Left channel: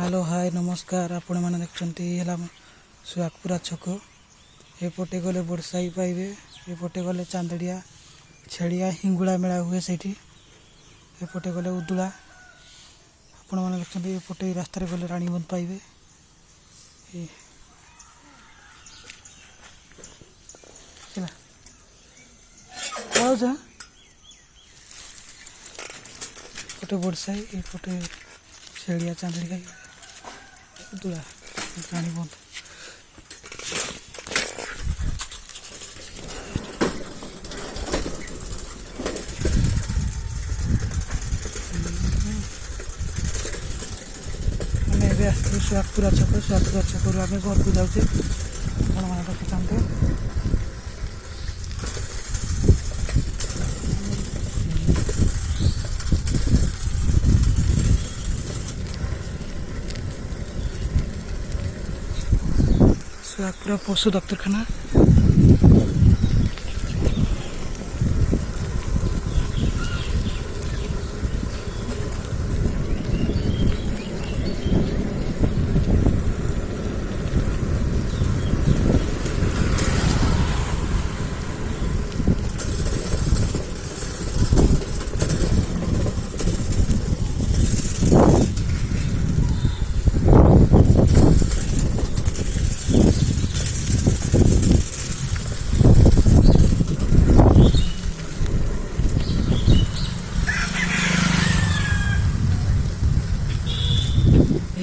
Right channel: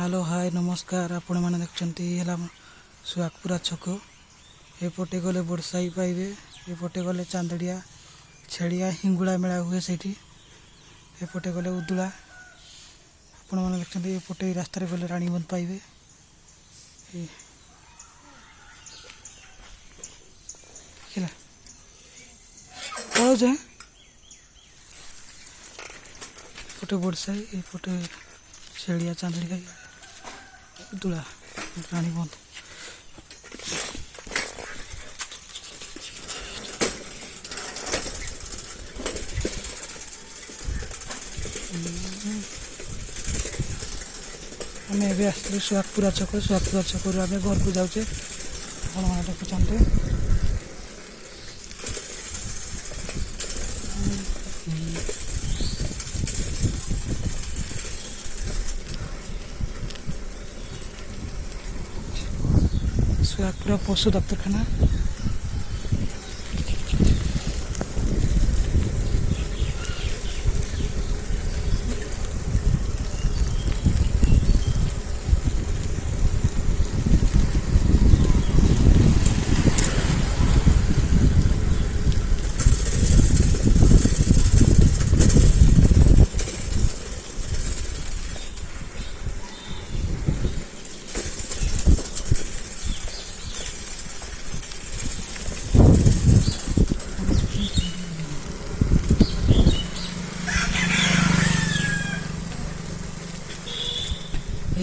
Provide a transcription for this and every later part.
Hello hi नमस्कार आपण मैंने देखते सुहागपुरा छक एपटे गले बड़साई पाइबे एपटे गले चांदड़िया छेड़िया हिंगुड़ा मेला हुए से एपटे गले उदुला आपण मैंने देखते एपटे रास्तार गले रानीबंध पाइबे एपटे बड़साई एपटे छेड़िया चांदड़िया उदुला रानीबंध सुहागपुरा छक आम घर को जाऊे देखते सुहागपुरा पशु डक्तरखाना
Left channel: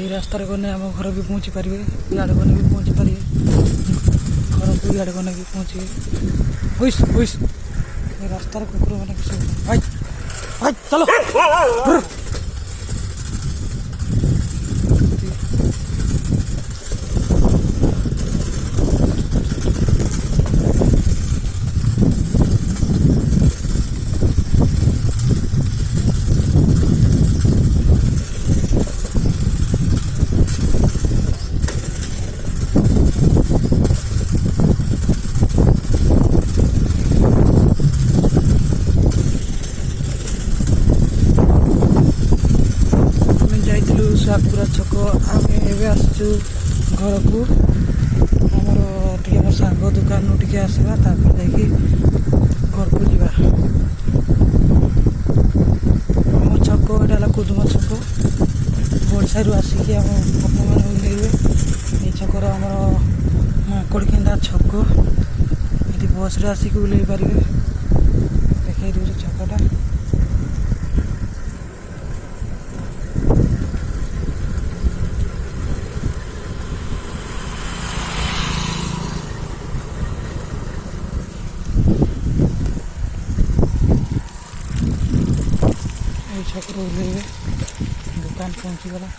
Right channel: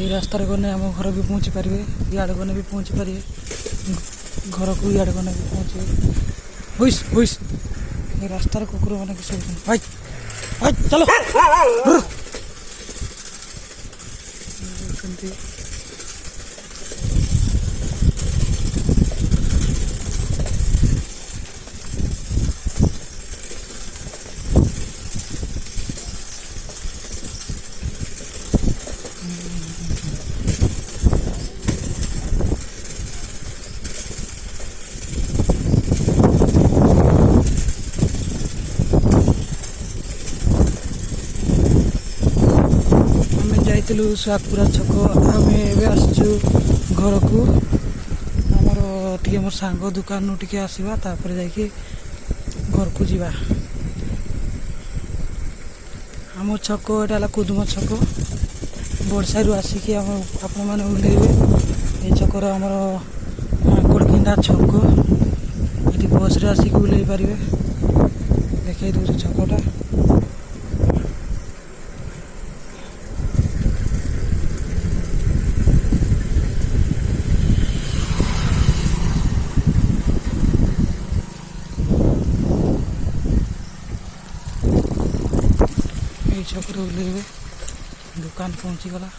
रास्तार गने आम घर भी पहुँची पारे इे गने भी पहुँची पारे घर को इे गने भी पहुँचे हुईस हुईस रास्तार कुकुर मैंने भाई भाई चलो सुहागपुरा छक आम आसचु घर को आमर टे मोर सांग दुकान टे आसवा घर को जीवा आम छक एटा कुदुम छक बड़साई आसिक आप ओल्ले ये छकर आम माकड़किंडा छक ये बस आसिक ओल्ले पारे देखा दूसरे छकटा छक ओल्ले दुकान पहुँची गला।